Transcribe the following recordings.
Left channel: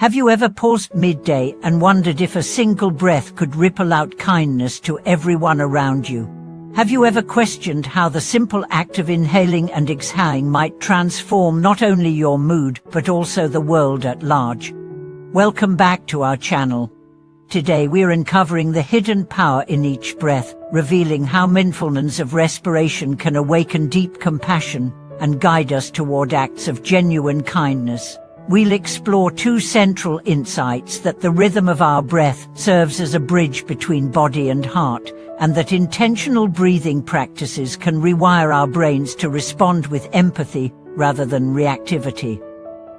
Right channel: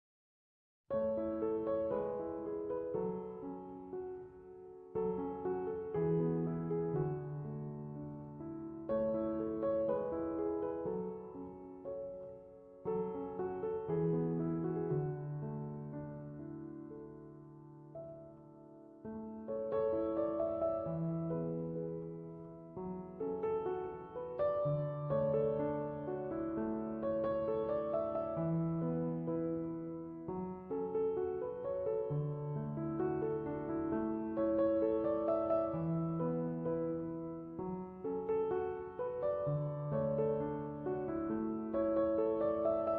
Have you ever paused midday and wondered if a single breath could ripple out kindness to everyone around you? Have you ever questioned how the simple act of inhaling and exhaling might transform not only your mood but also the world at large? Welcome back to our channel. Today we're uncovering the hidden power in each breath, revealing how mindfulness of respiration can awaken deep compassion and guide us toward acts of genuine kindness. We'll explore two central insights: that the rhythm of our breath serves as a bridge between body and heart, and that intentional breathing practices can rewire our brains to respond with empathy rather than reactivity.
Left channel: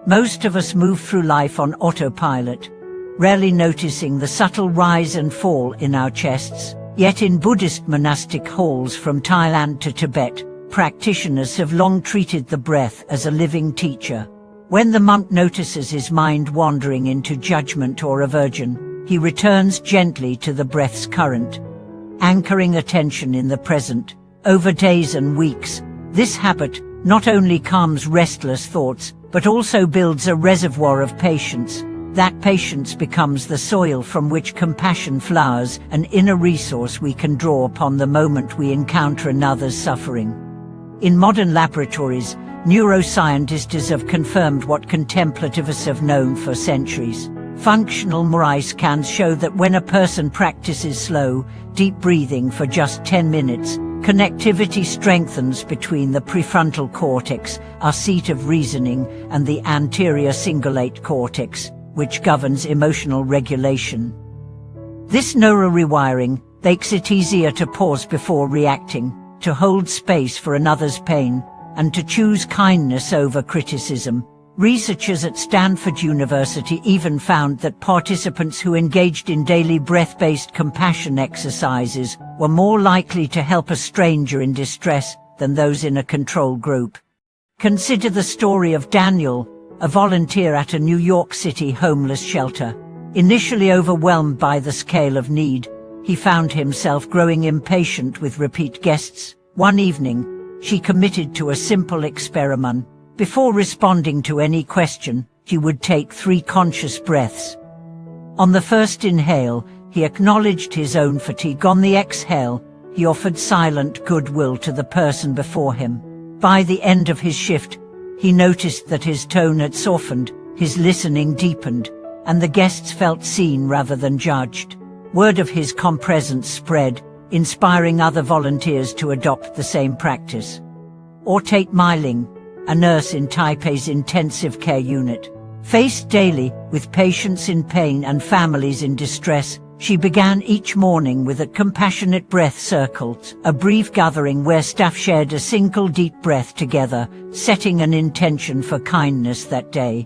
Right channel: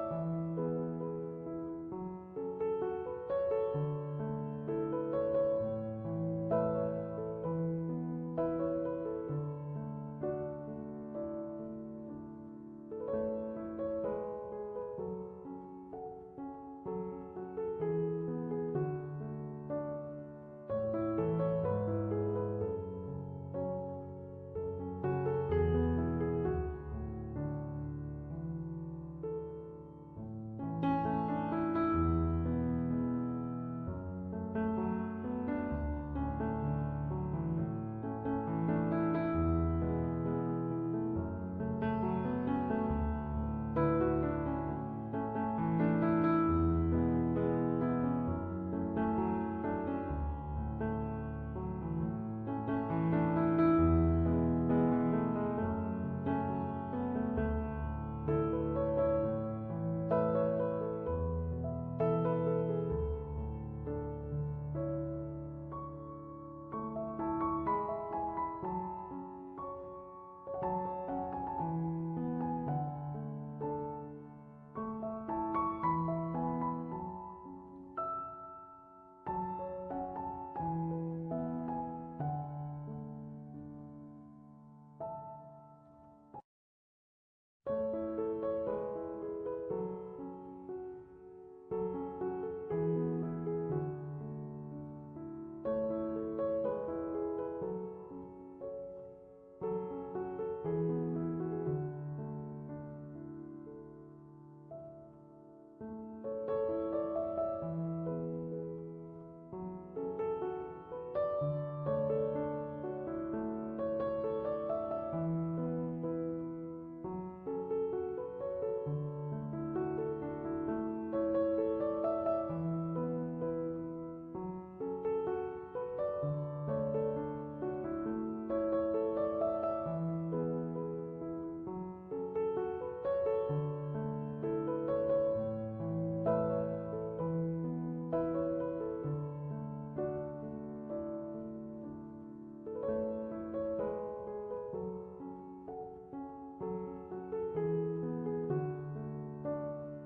Most of us move through life on autopilot, rarely noticing the subtle rise and fall in our chests. Yet in Buddhist monastic halls from Thailand to Tibet, practitioners have long treated the breath as a living teacher. When the monk notices his mind wandering into judgment or aversion, he returns gently to the breath's current, anchoring attention in the present. Over days and weeks, this habit not only calms restless thoughts, but also builds a reservoir of patience. That patience becomes the soil from which compassion flowers, an inner resource we can draw upon the moment we encounter another's suffering. In modern laboratories, neuroscientists have confirmed what contemplativists have known for centuries. Functional MRI scans show that when a person practices slow, deep breathing for just 10 minutes, connectivity strengthens between the prefrontal cortex, our seat of reasoning, and the anterior cingulate cortex, which governs emotional regulation. This neurorewiring makes it easier to pause before reacting, to hold space for another's pain, and to choose kindness over criticism. Researchers at Stanford University even found that participants who engaged in daily breath-based compassion exercises were more likely to help a stranger in distress than those in a control group. Consider the story of Daniel, a volunteer at a New York City homeless shelter. Initially overwhelmed by the scale of need, he found himself growing impatient with repeat guests. One evening, she committed to a simple experiment. Before responding to any question, he would take 3 conscious breaths. On the first inhale, he acknowledged his own fatigue. On the exhale, he offered silent goodwill to the person before him. By the end of his shift, he noticed that his tone had softened, his listening deepened, and the guests felt seen rather than judged. Word of his calm presence spread, inspiring other volunteers to adopt the same practice. Or take Mai Ling, a nurse in Taipei's intensive care unit. Faced daily with patients in pain and families in distress, she began each morning with a compassionate breath circles, a brief gathering where staff shared a single deep breath together, setting an intention for kindness that day.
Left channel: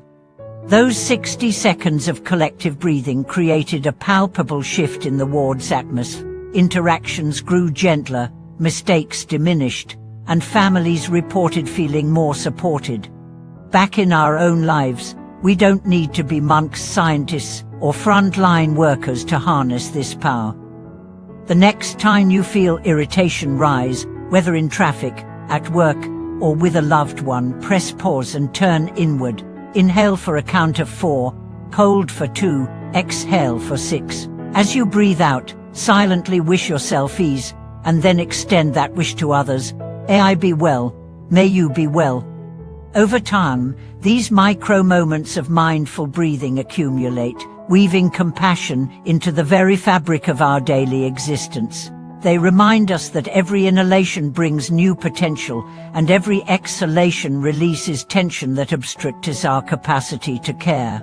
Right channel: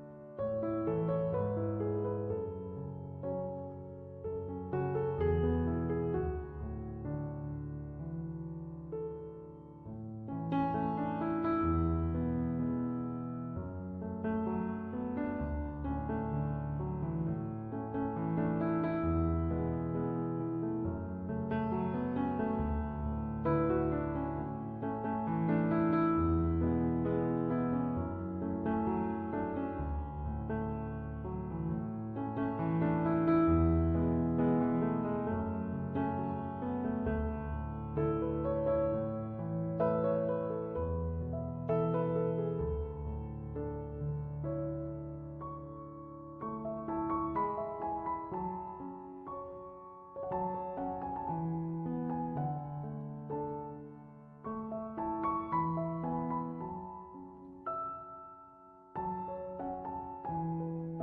Those 60 seconds of collective breathing created a palpable shift in the ward's atmosphere. Interactions grew gentler, mistakes diminished, and families reported feeling more supported. Back in our own lives, we don't need to be monks, scientists, or frontline workers to harness this power. The next time you feel irritation rise, whether in traffic, at work, or with a loved one, press pause and turn inward. Inhale for a count of 4, hold for 2, exhale for 6. As you breathe out, silently wish yourself ease, and then extend that wish to others. May I be well, may you be well. Over time, these micro moments of mindful breathing accumulate, weaving compassion into the very fabric of our daily existence. They remind us that every inhalation brings new potential, and every exhalation releases tension that obstructs our capacity to care.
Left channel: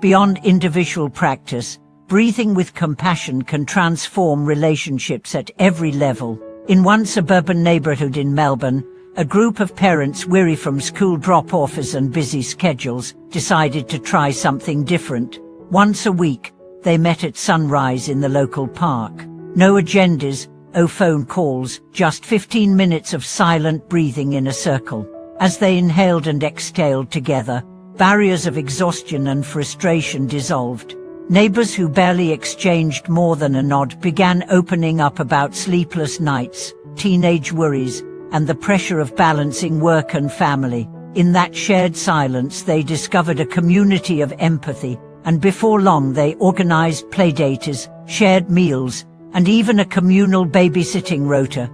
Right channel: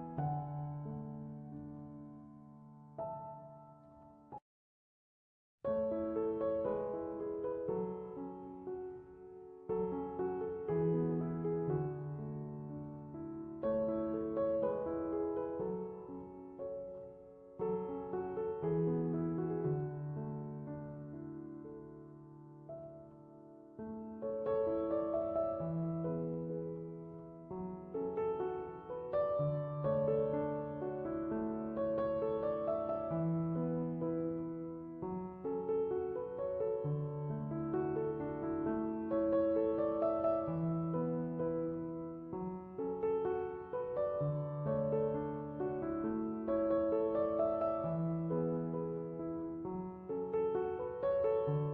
Beyond individual practice, breathing with compassion can transform relationships at every level. In one suburban neighborhood in Melbourne, a group of parents weary from school drop-offs and busy schedules decided to try something different. Once a week, they met at sunrise in the local park. No agendas, no phone calls, just 15 minutes of silent breathing in a circle. As they inhaled and exhaled together, barriers of exhaustion and frustration dissolved. Neighbors who barely exchanged more than a nod began opening up about sleepless nights, teenage worries, and the pressure of balancing work and family. In that shared silence they discovered a community of empathy, and before long they organized playdates, shared meals, and even a communal babysitting rota,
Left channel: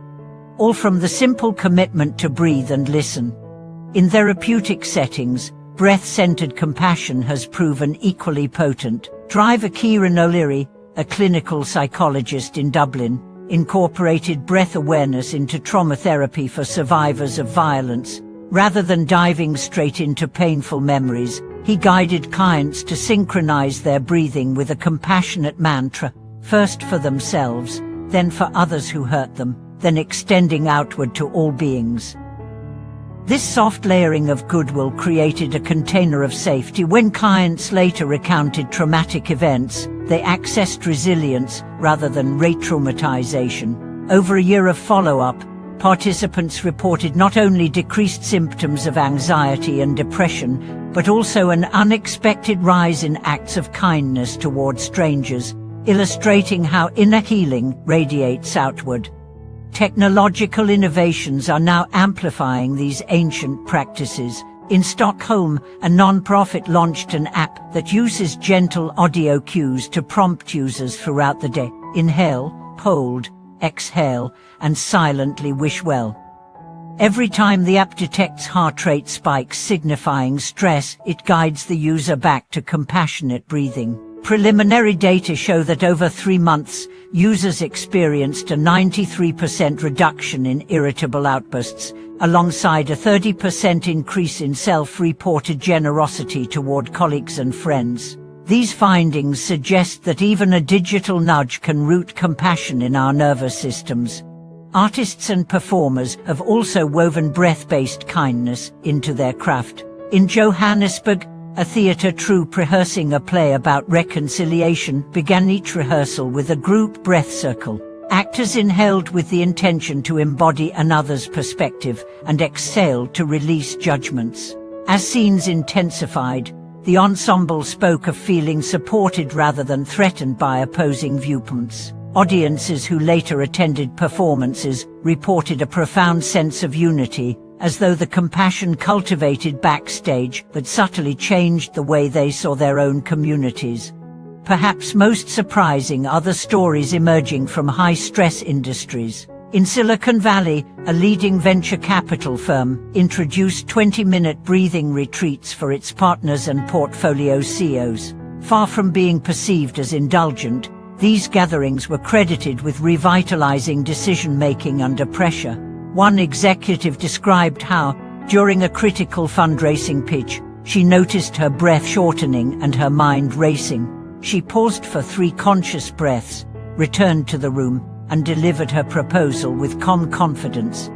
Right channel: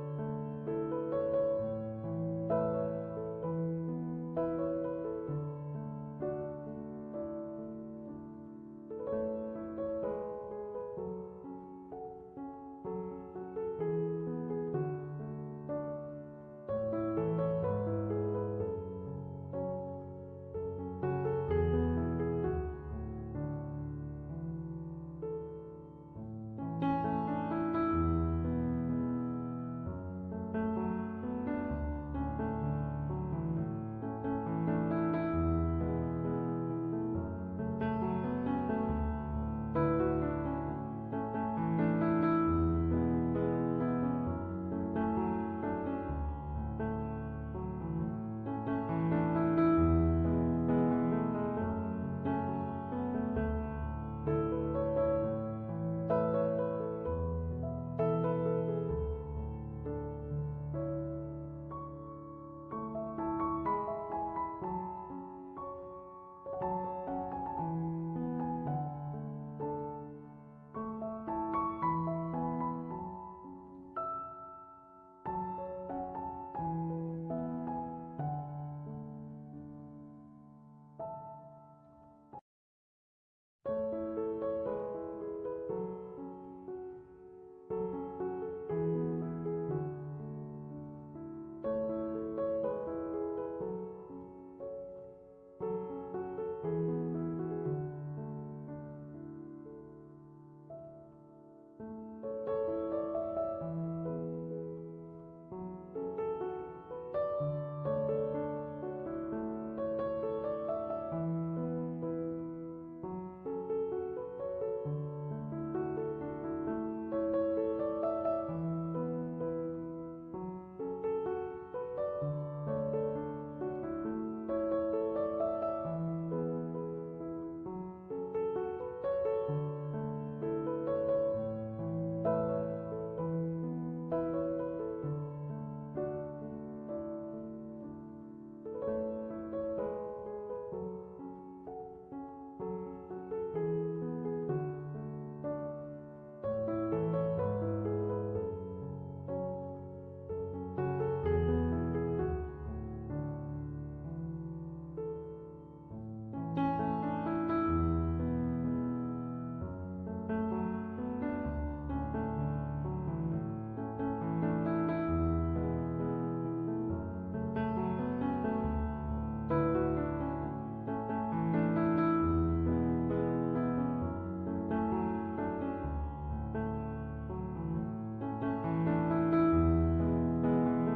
all from the simple commitment to breathe and listen. In therapeutic settings, breath-centered compassion has proven equally potent. Driver Kieran O'Leary, a clinical psychologist in Dublin, incorporated breath awareness into trauma therapy for survivors of violence. Rather than diving straight into painful memories, he guided clients to synchronize their breathing with a compassionate mantra, first for themselves, then for others who hurt them, then extending outward to all beings. This soft layering of goodwill created a container of safety. When clients later recounted traumatic events, they accessed resilience rather than re-traumatization. Over a year of follow-up, participants reported not only decreased symptoms of anxiety and depression, but also an unexpected rise in acts of kindness toward strangers, illustrating how inner healing radiates outward. Technological innovations are now amplifying these ancient practices. In Stockholm, a non-profit launched an app that uses gentle audio cues to prompt users throughout the day. Inhale, hold, exhale, and silently wish well. Every time the app detects heart rate spikes signifying stress, it guides the user back to compassionate breathing. Preliminary data show that over 3 months, users experienced a 93% reduction in irritable outbursts, alongside a 30% increase in self-reported generosity toward colleagues and friends. These findings suggest that even a digital nudge can root compassion in our nervous systems. Artists and performers have also woven breath-based kindness into their craft. In Johannesburg, a theatre troupe rehearsing a play about reconciliation began each rehearsal with a group breath circle. Actors inhaled with the intention to embody another's perspective and exhaled to release judgments. As scenes intensified, the ensemble spoke of feeling supported rather than threatened by opposing viewpoints. Audiences who later attended performances reported a profound sense of unity, as though the compassion cultivated backstage that subtly changed the way they saw their own communities. Perhaps most surprising are the stories emerging from high-stress industries. In Silicon Valley, a leading venture capital firm introduced 20-minute breathing retreats for its partners and portfolio CEOs. Far from being perceived as indulgent, these gatherings were credited with revitalizing decision-making under pressure. One executive described how, during a critical fundraising pitch, she noticed her breath shortening and her mind racing. She paused for 3 conscious breaths, returned to the room, and delivered her proposal with calm confidence.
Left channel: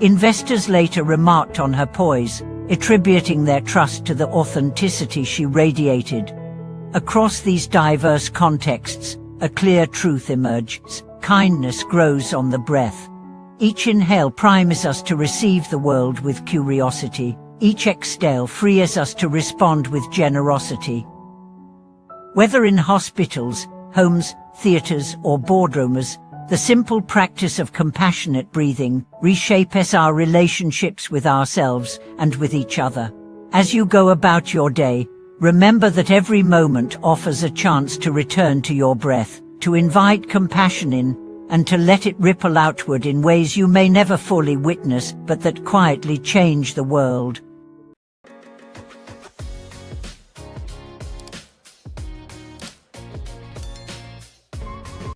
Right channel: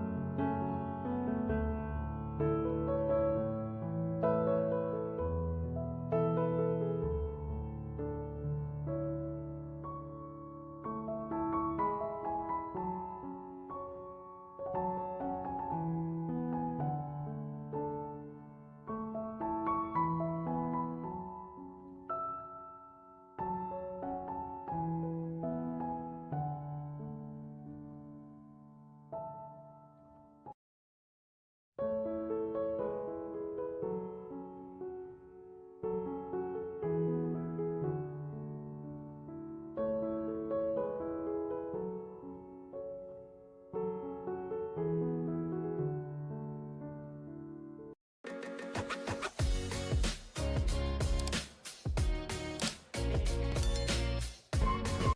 Investors later remarked on her poise, attributing their trust to the authenticity she radiated. Across these diverse contexts, a clear truth emerges: kindness grows on the breath. Each inhale primes us to receive the world with curiosity. Each exhale frees us to respond with generosity. Whether in hospitals, homes, theaters, or boardrooms, the simple practice of compassionate breathing reshapes our relationships with ourselves and with each other. As you go about your day, remember that every moment offers a chance to return to your breath, to invite compassion in, and to let it ripple outward in ways you may never fully witness but that quietly change the world.